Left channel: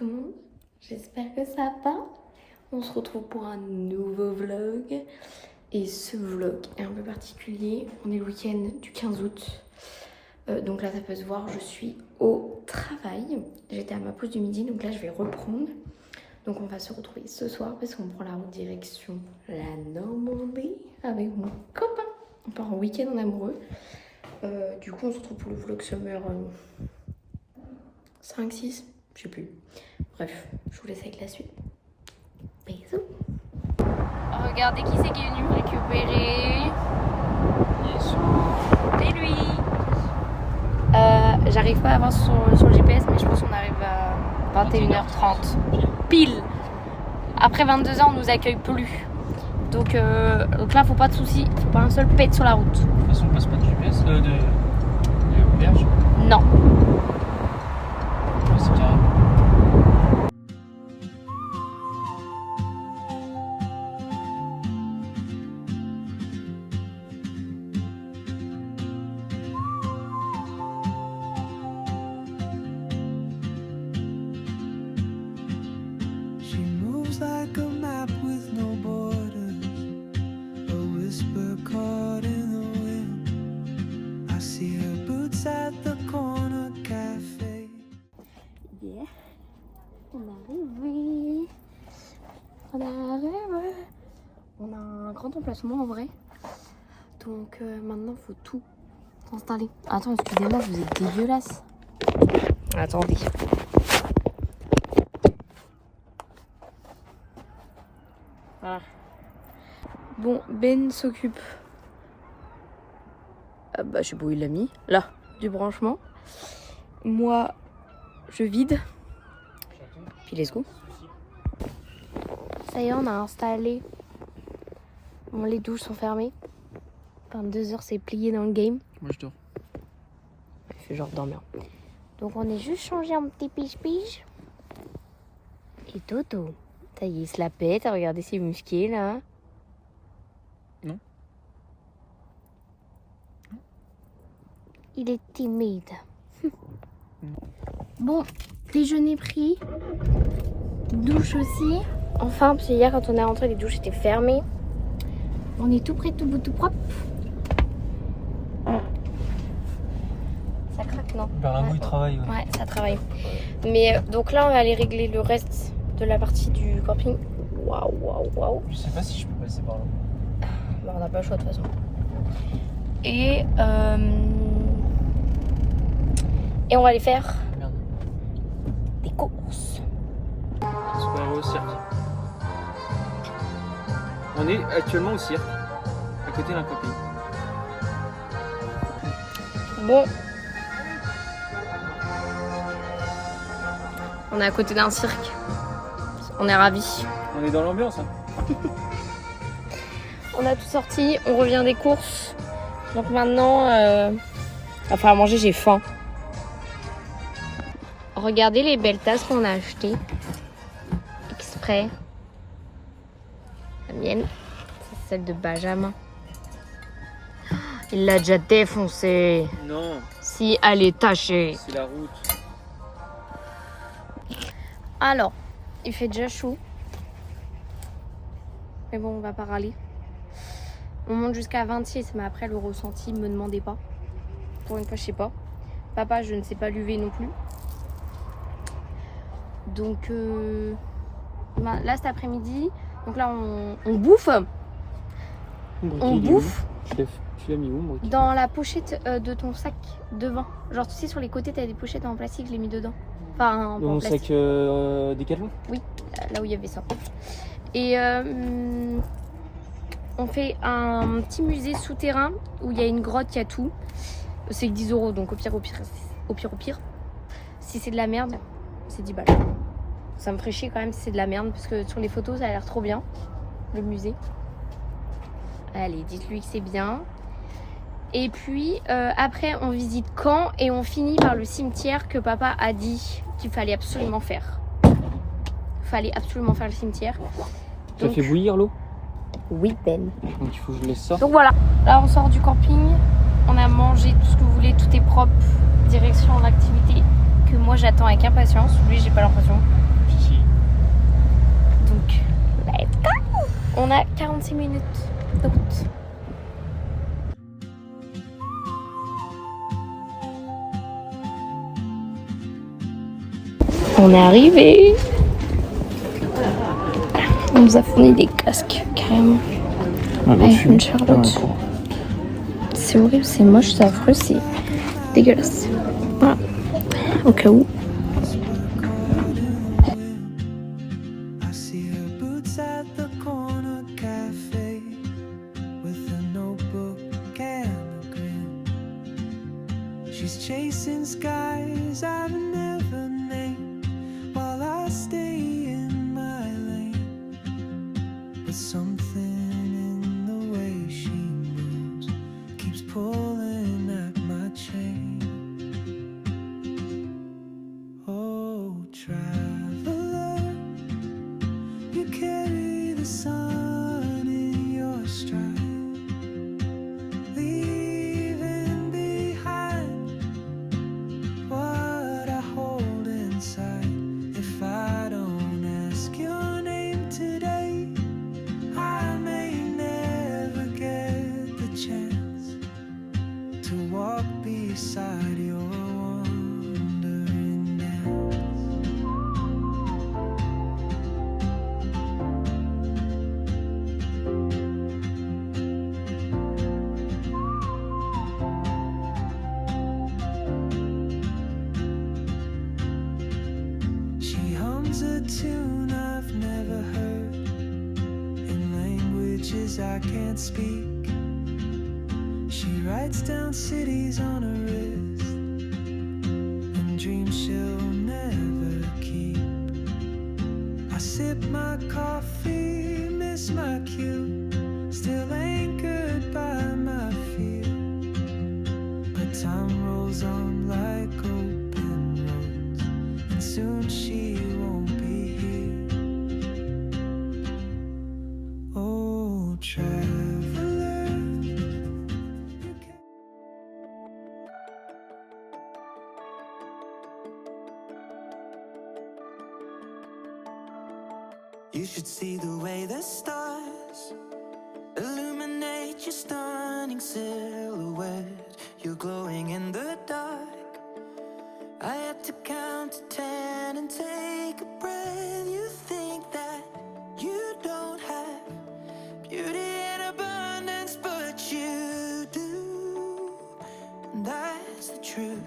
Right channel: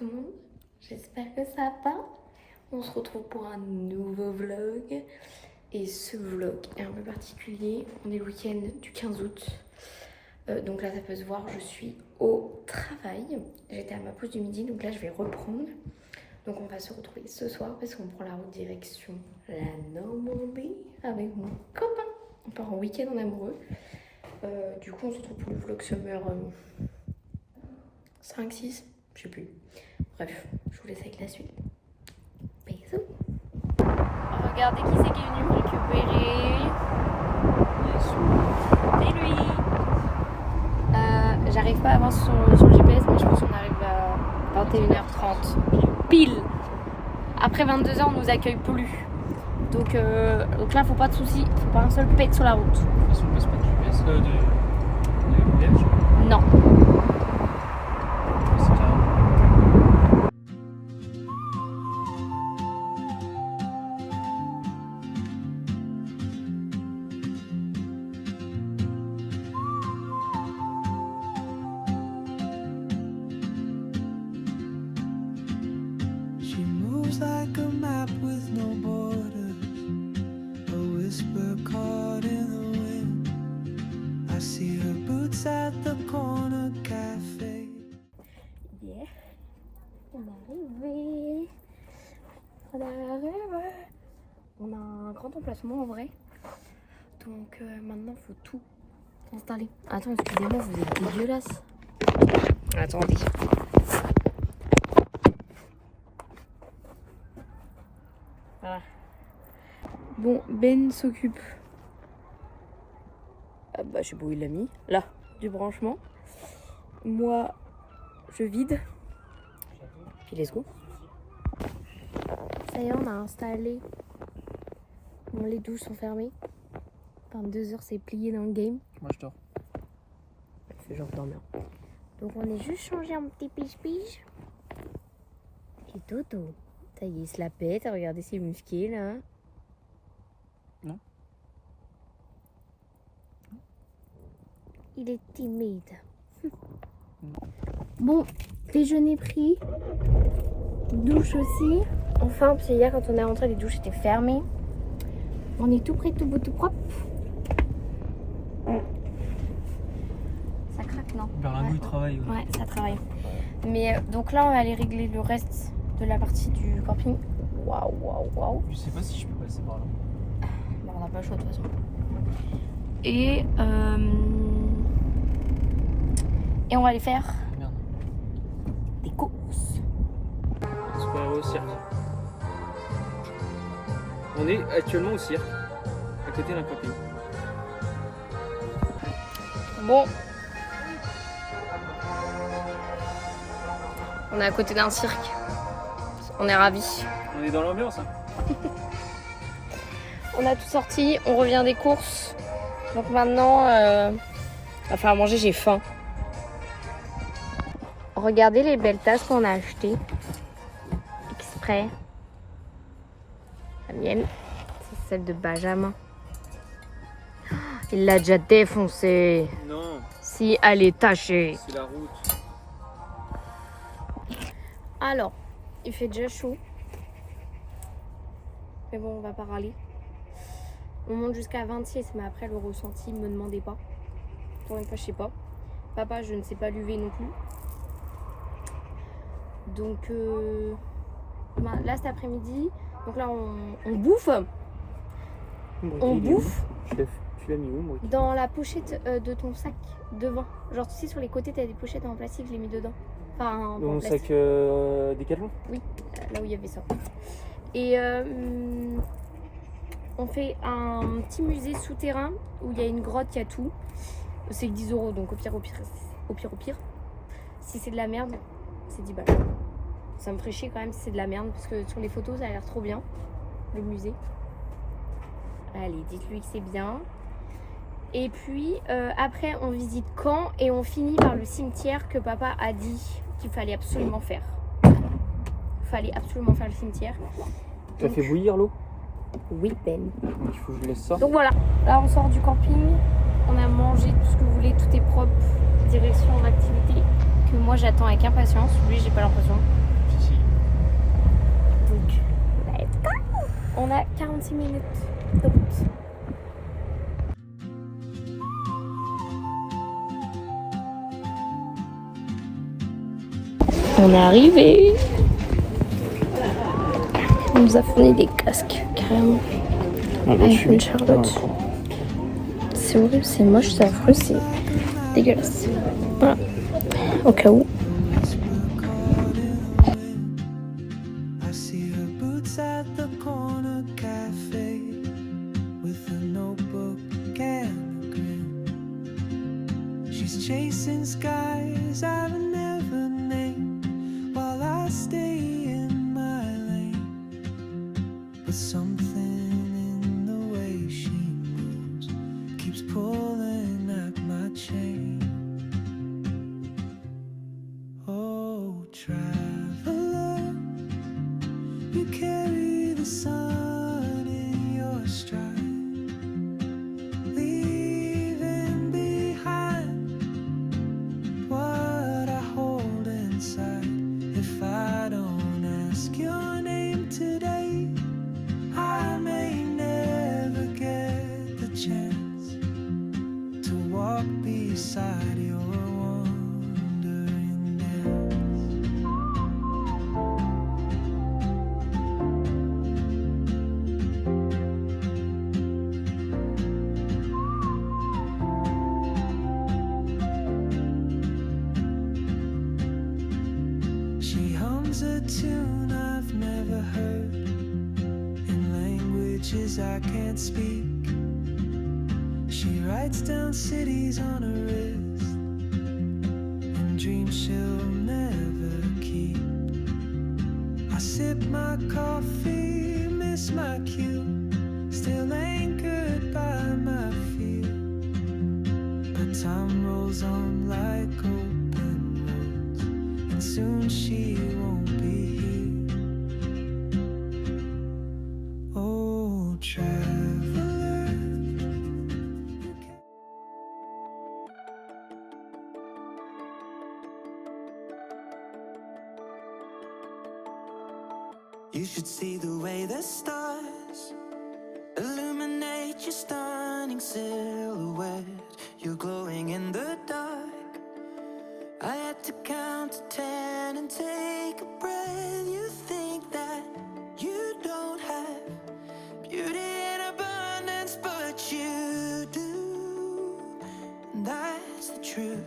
tout le monde, j'espère que ça va. On se retrouve pour un nouveau vlog. Et ce vlog est un peu particulier. On est le week-end du 15 août. Donc là ça peut se voir, je suis au travail. J'étais à ma pause du midi, donc là je vais reprendre. Donc on va se retrouver ce soir parce qu'on prend la route direction la Normandie avec mon copain. On part en week-end en amoureux. Du coup on se retrouve pour le vlog summer 5, 6, je sais plus. Bref, je vous laisse avec la suite. Bisous. Regardez qui c'est qui est venu me récupérer. C'est lui. J'arrive pas à avoir sur le GPS, mais je pense qu'on arrive à 21h30. Pile. Après 22h, on nous accueille plus. Donc là, faut pas de soucis. Faut pas un seul pet sur la route. De toute façon, on passe pas de GPS de berge. Non. C'est carré. She moves like a map with no borders, a whisper caught in the wind. I see her boots at the corner cafe. Yeah. On est arrivé. On est arrivé. On a un grand emplacement en vrai. Donc maintenant, faut tout installer. Attends, excusez-moi, vous êtes dégueulasse. Attendez. Voilà. Bon, Ben s'occupe. Je sais pas où il l'a mis. Là, du branchement. Moi, je vide. Puis let's go. Ça y est, on a installé. Bon, les douches sont fermées. 22h, c'est plié dans le game. Moi, je dors. Je fais genre dormir. Donc, on est juste changé un petit pige-pige. Et Toto. Ça y est, il se la pète. Regardez ses muscles là. Non. Il est timide. Bon, déjeuner pris. Douche aussi. Enfin, parce que hier, quand on est rentré, les douches étaient fermées. On est tout prêt, tout beau, tout propre. Ça craque, non? Berlingot, il travaille. Ouais, ça travaille. Mais donc là, on va aller régler le reste de la partie du camping. Waouh, waouh, waouh. Je sais pas si je peux passer par là. Bon, on n'a pas le choix de toute façon. Et on va aller faire Merde. des courses. C'est pour aller au cirque. On est actuellement au cirque, à côté d'un camping. Bon. On est à côté d'un cirque. On est ravis. On est dans l'ambiance. Hein. On a tout sorti. On revient des courses. Donc maintenant, il va falloir manger. J'ai faim. Regardez les belles tasses qu'on a achetées. Exprès. La mienne, c'est celle de Benjamin. Il l'a déjà défoncée. Non, Si, elle est tachée. c'est la route. Alors, il fait déjà chaud. Mais bon, on va pas râler. On monte jusqu'à 26, mais après le ressenti, me demandez pas. Pour une fois, je sais pas. Papa, je ne sais pas l'UV non plus. Donc là, cet après-midi, donc là, on bouffe. On bouffe Tu l'as mis où, moi? dans la pochette de ton sac devant. Genre, tu sais, sur les côtés, t'as des pochettes en plastique, je l'ai mis dedans. Enfin, en Mon plastique. sac Décathlon? Oui, là où il y avait ça. Et on fait un petit musée souterrain où il y a une grotte, il y a tout. C'est 10 €, donc au pire. Si c'est de la merde, c'est 10 balles. Ça me ferait chier quand même si c'est de la merde, parce que sur les photos, ça a l'air trop bien, le musée. Allez, dites-lui que c'est bien. Et puis, après, on visite Caen et on finit par le cimetière que papa a dit qu'il fallait absolument faire. Fallait absolument faire le cimetière. Tu as fait bouillir l'eau? Oui, Ben. Donc il faut que je laisse ça. Donc voilà, là on sort du camping, on a mangé tout ce que vous voulez, tout est propre, direction en activité que moi j'attends avec impatience. Lui, j'ai pas l'impression. On a 46 minutes de route. On est arrivé. On nous a fourni des casques, carrément. Avec une Charlotte. C'est horrible, c'est moche, c'est affreux, c'est dégueulasse. Voilà. Au cas où. I see her boots at the corner cafe with a notebook and a grin. She's chasing skies I've never named while I stay in my lane. But something in the way she moves keeps pulling at my chain. Oh, traveler, you carry the sun in your stride, leaving behind what I hold inside. If I don't ask your name today, I may never get the chance to walk beside your wandering dance. She hums a tune I've never heard in languages I can't speak. She writes down cities on her wrist and dreams she'll never keep. I sip my coffee, miss my cue, still anchored by my fear. But time rolls on like open roads, and soon she won't be here. Oh, traveler, you can. You should see the way the stars illuminate your stunning silhouette. You're glowing in the dark. I had to count to 10 and take a breath. You think that you don't have beauty in abundance, but you do, and that's the truth.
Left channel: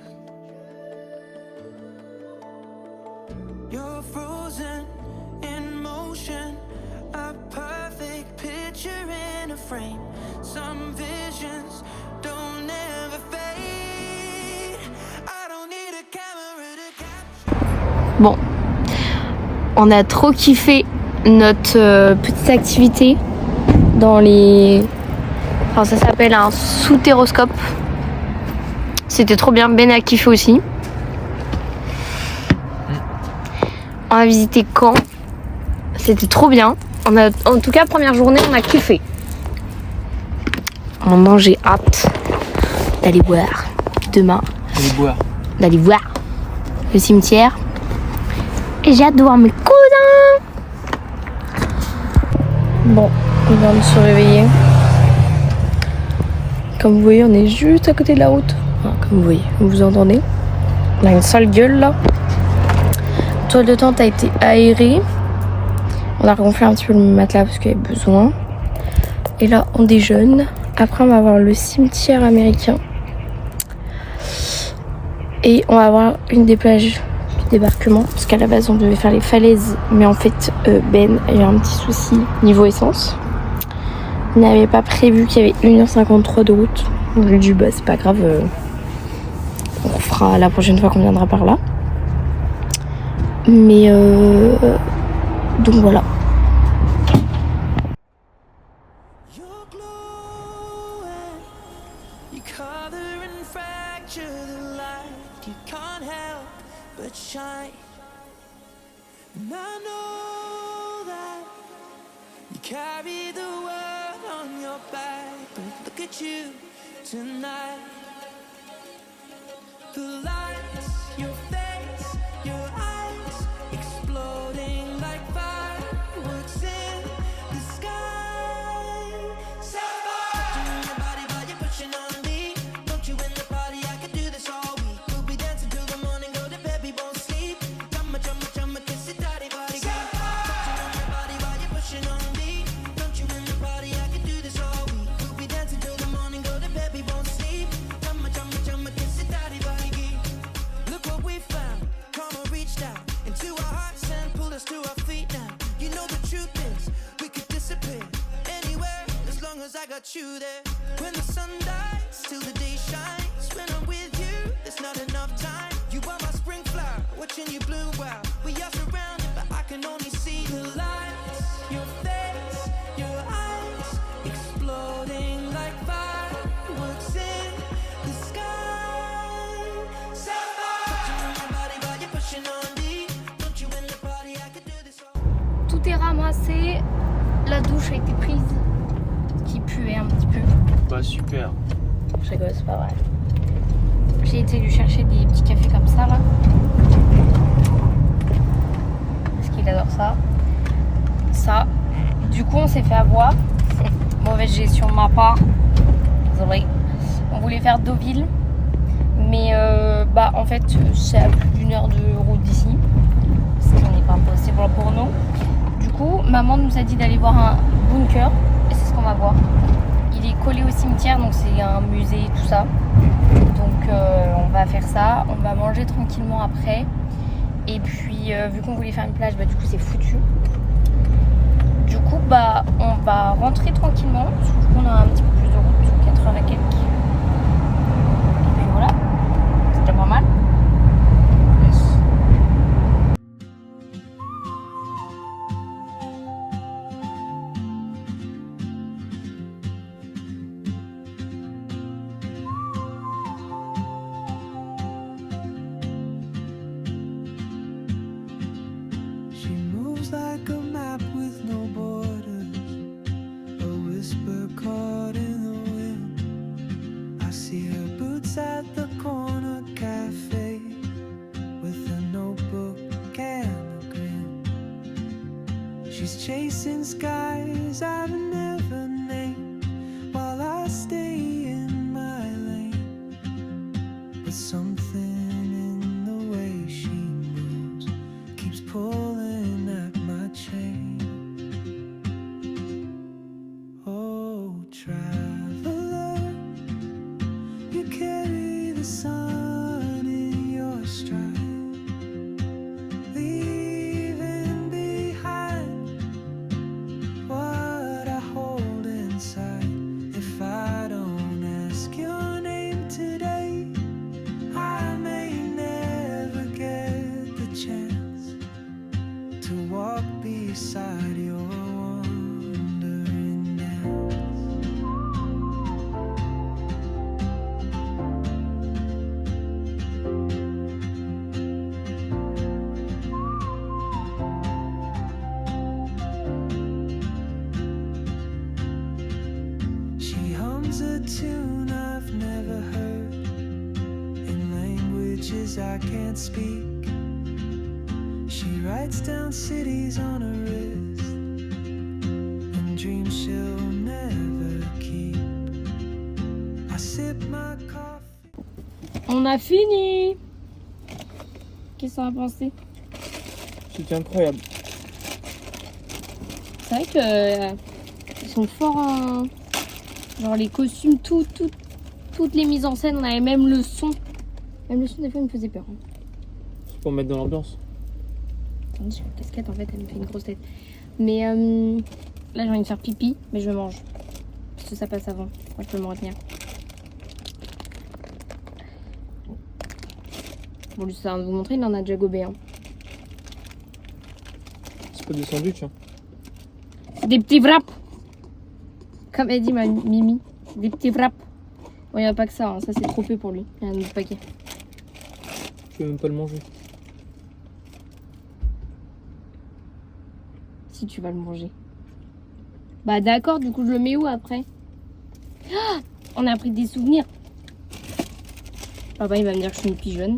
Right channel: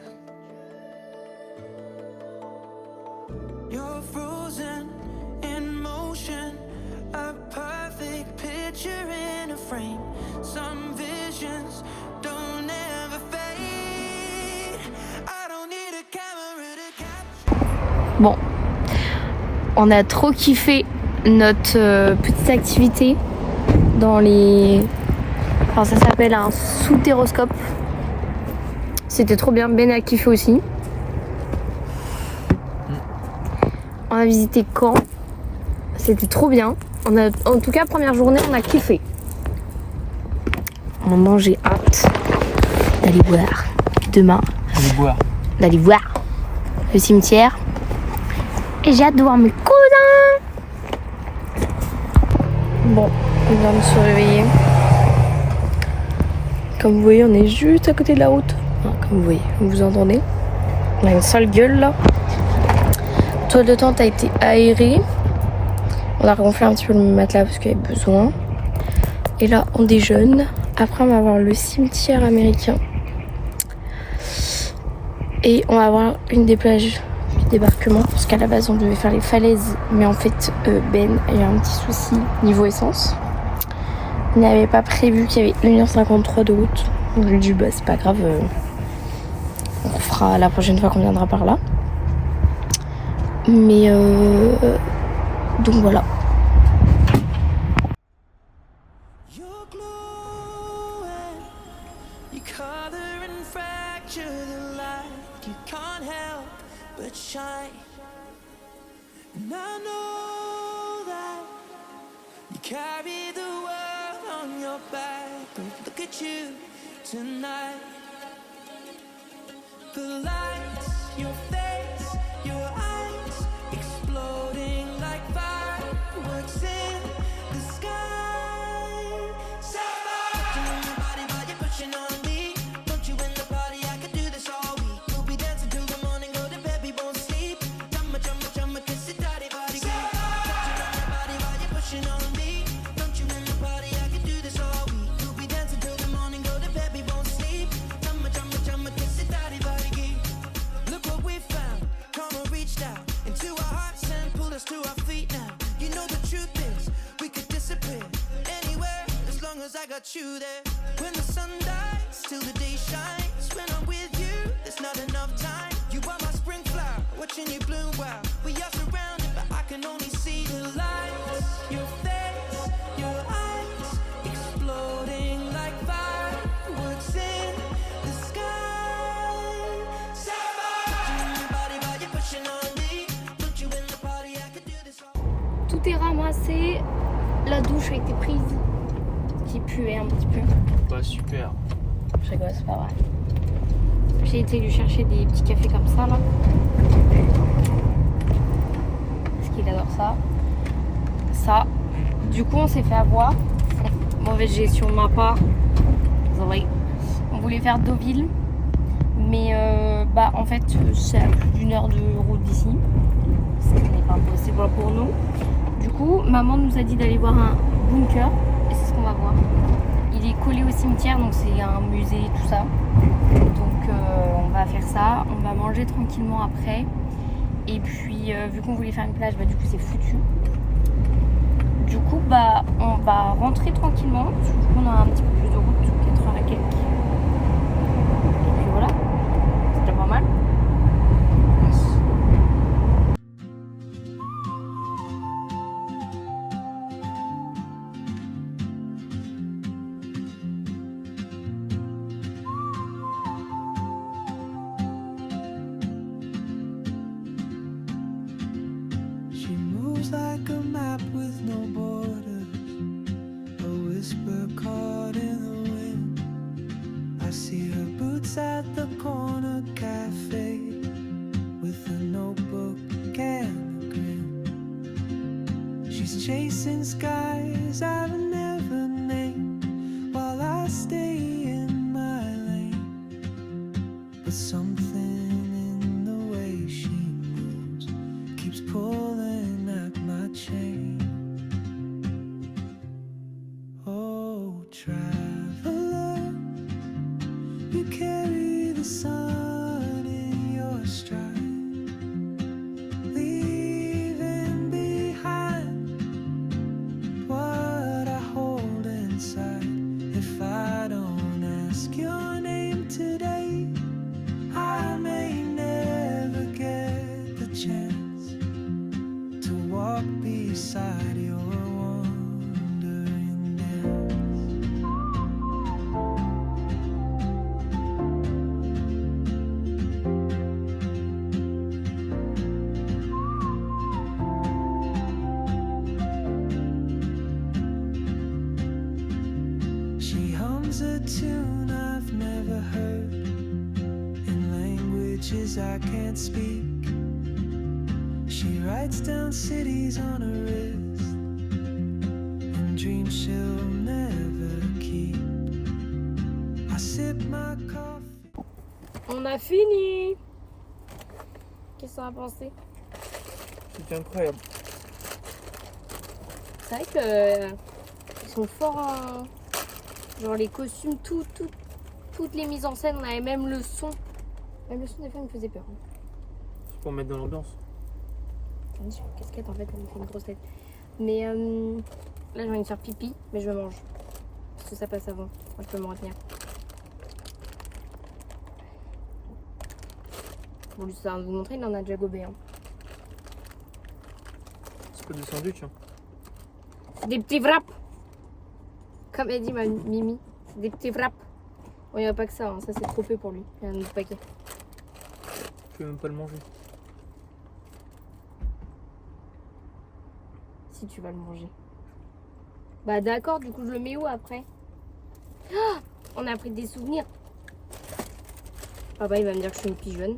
You're frozen in motion, a perfect picture in a frame. Some visions don't ever fade. I don't need a camera to capture. Bon, on a trop kiffé notre petite activité dans les... Alors ça s'appelle un soutéroscope. C'était trop bien, Ben a kiffé aussi. On a visité Caen. C'était trop bien. En tout cas, première journée, on a kiffé. Maintenant, j'ai hâte d'aller voir demain. D'aller voir le cimetière. Et j'ai hâte de voir mes cousins. Bon, on vient de se réveiller. Comme vous voyez, on est juste à côté de la route. Enfin, comme vous voyez, vous entendez. On a une sale gueule là. La toile de tente a été aérée. On a regonflé un petit peu le matelas parce qu'il y avait besoin. Et là, on déjeune. Après, on va voir le cimetière américain. Et on va voir une des plages du débarquement. Parce qu'à la base, on devait faire les falaises. Mais en fait, Ben a eu un petit souci niveau essence. Il n'avait pas prévu qu'il y avait 1h53 de route. Donc, je lui ai dit, bah, c'est pas grave. On fera la prochaine fois qu'on viendra par là. Mais donc voilà. You're glowing, you color and fracture the light. You can't help but shine. And I know that you carry the world on your back. But look at you tonight. The lights, your face, your eyes, exploding like fireworks in the sky. as I got you there. When the sun dies, till the day shines. When I'm with you, there's not enough time. You are my spring flower, watching you bloom wild. We are surrounded, but I can only see the lights. Your face, your eyes, exploding like fireworks in the sky. Sapphire, touching on your body, but you're pushing on me. Don't you win the party? I could do this all. Tout est ramassé. La douche a été prise. Qui puait un petit peu. Bah super. Je rigole, c'est pas vrai. J'ai été lui chercher des petits cafés comme ça là. Parce qu'il adore ça. Ça. Du coup, on s'est fait avoir. Mauvaise gestion de ma part. Désolé. On voulait faire Deauville. Mais en fait, c'est à plus d'une heure de route d'ici. Ce n'est pas possible pour nous. Du coup, maman nous a dit d'aller voir un bunker. Et c'est ce qu'on va voir. Il est collé au cimetière, donc c'est un musée et tout ça. Donc on va faire ça. On va manger tranquillement après. Et puis vu qu'on voulait faire une plage, du coup c'est foutu. Du coup on va rentrer tranquillement. Surtout qu'on a un petit peu plus de route, 4 heures et quelques. Et puis voilà, c'est déjà pas mal. She moves like a map with no borders, a whisper caught in the wind. I see her boots at the corner cafe, with a notebook and a grin. She's chasing skies I've never named, while I stay in my lane. But something in the way she moves keeps pulling at my chain. Oh, traveler, you carry the sun in your stride, leaving behind what I hold inside. If I don't ask your name today, I may never get the chance to walk beside your wandering dance. She hums a tune I've never heard, in languages I can't speak. She writes down cities on her wrist, and dreams she'll never keep. I sip my coffee. On a fini. Qu'est-ce qu'on a pensé? C'était incroyable. C'est vrai que ils sont forts en... Genre les costumes, toutes les mises en scène, on avait même le son. Même le son des fois il me faisait peur. C'est pour mettre dans l'ambiance. Attendez, j'ai une casquette en fait, elle me fait une grosse tête. Mais là j'ai envie de faire pipi, mais je mange. Parce que ça passe avant. Moi je peux me retenir. Bon lui ça va vous montrer, il en a déjà gobé. Hein. C'est pas des sandwichs. Hein. C'est des petits wraps. Comme elle dit ma Mimi. Des petits wraps. Bon il n'y a pas que ça, hein. Ça c'est trop peu pour lui. Il y a un autre paquet. Je peux même pas le manger. Si tu vas le manger. Bah d'accord, du coup je le mets où après? Ah, on a pris des souvenirs. Papa il va me dire que je suis une pigeonne.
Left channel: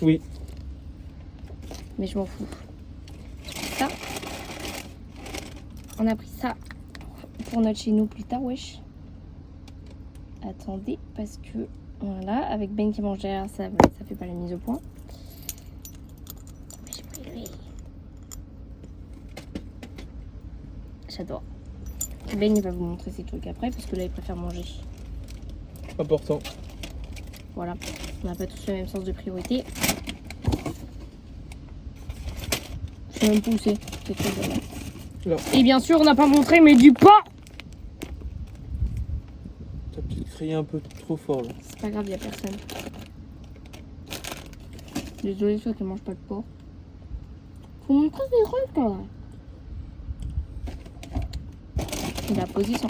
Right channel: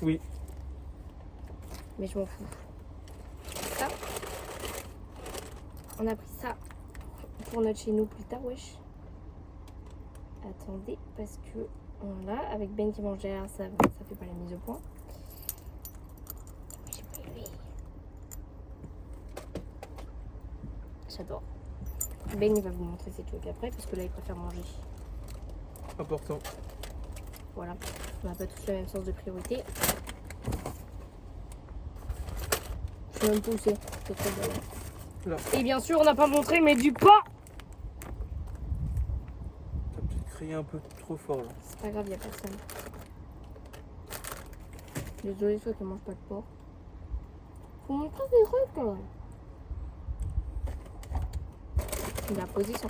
Oui. Mais je m'en fous. Ça. On a pris ça pour notre chez nous plus tard, wesh. Attendez, parce que voilà, avec Ben qui mange derrière, ça fait pas la mise au point. J'adore. Ben il va vous montrer ses trucs après, parce que là il préfère manger. Important. Voilà, on n'a pas tous le même sens de priorité. Je sais même pas où c'est très bien. Là. Et bien sûr, on n'a pas montré, mais du pain. T'as peut-être crié un peu trop fort là. C'est pas grave, il n'y a personne. Désolée, toi qui mange pas de porc. Faut montrer des trucs quand même. Il a posé son.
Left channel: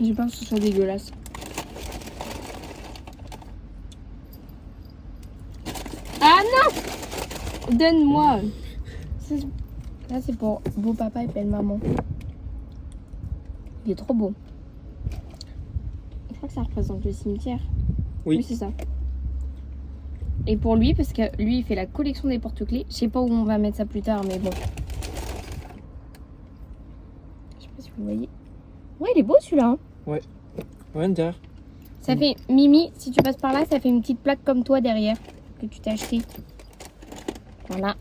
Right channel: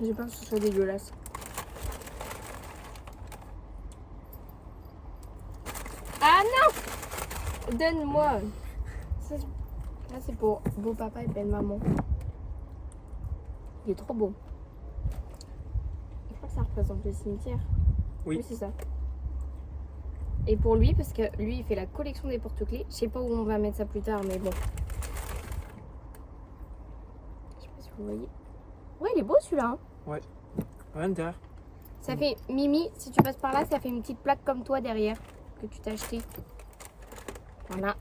J'ai peur que ce soit dégueulasse. Ah non! Donne-moi. Ça c'est pour beau papa et belle maman. Il est trop beau. Je crois que ça représente le cimetière. Oui. C'est ça. Et pour lui, parce que lui il fait la collection des porte-clés. Je sais pas où on va mettre ça plus tard, mais bon. Je sais pas si vous voyez. Ouais, il est beau celui-là. Hein. Ouais, derrière. Ça fait Mimi, si tu passes par là, ça fait une petite plaque comme toi derrière que tu t'as acheté. Voilà.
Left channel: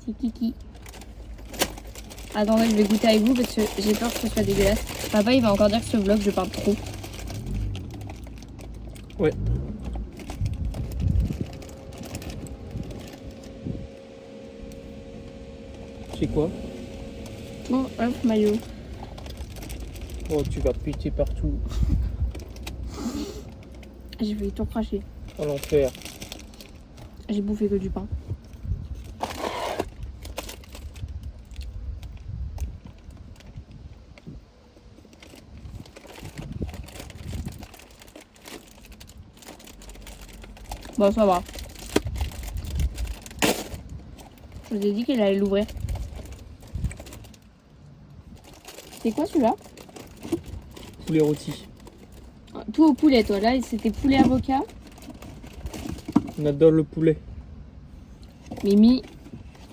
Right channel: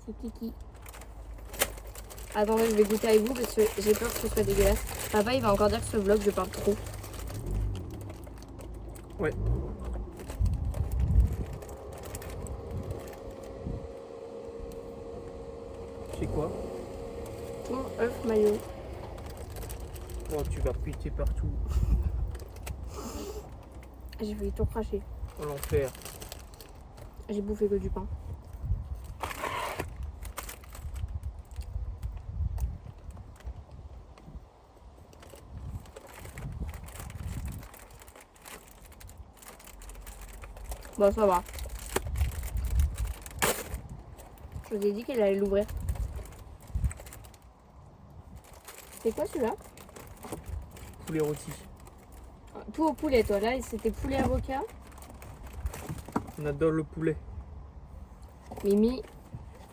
C'est Kiki. Attendez, je vais goûter avec vous parce que j'ai peur que ce soit dégueulasse. Papa, il va encore dire que ce vlog, je parle trop. Ouais. C'est quoi? Bon, œuf, maillot. Oh, tu vas péter partout. J'ai failli tout cracher. À l'enfer. J'ai bouffé que du pain. Bon, ça va. Je vous ai dit qu'il allait l'ouvrir. C'est quoi celui-là? Poulet rôti. Tout au poulet, toi. Là, c'était poulet avocat. On adore le poulet. Mimi,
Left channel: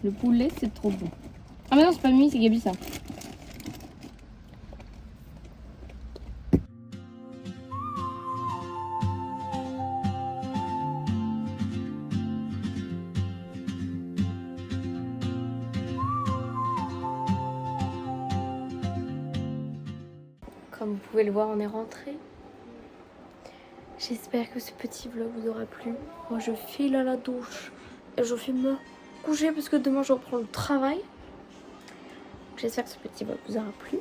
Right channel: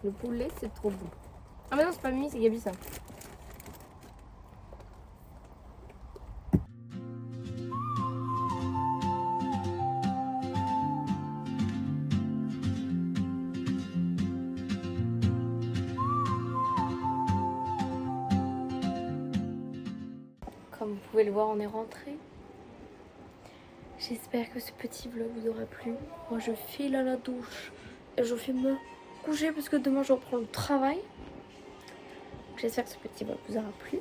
le poulet, c'est trop bon. Ah, mais non, c'est pas Mimi, c'est Gabi, ça. Comme vous pouvez le voir, on est rentré. J'espère que ce petit vlog vous aura plu. Moi, je file à la douche et je vais me coucher parce que demain, je reprends le travail. J'espère que ce petit vlog vous aura plu.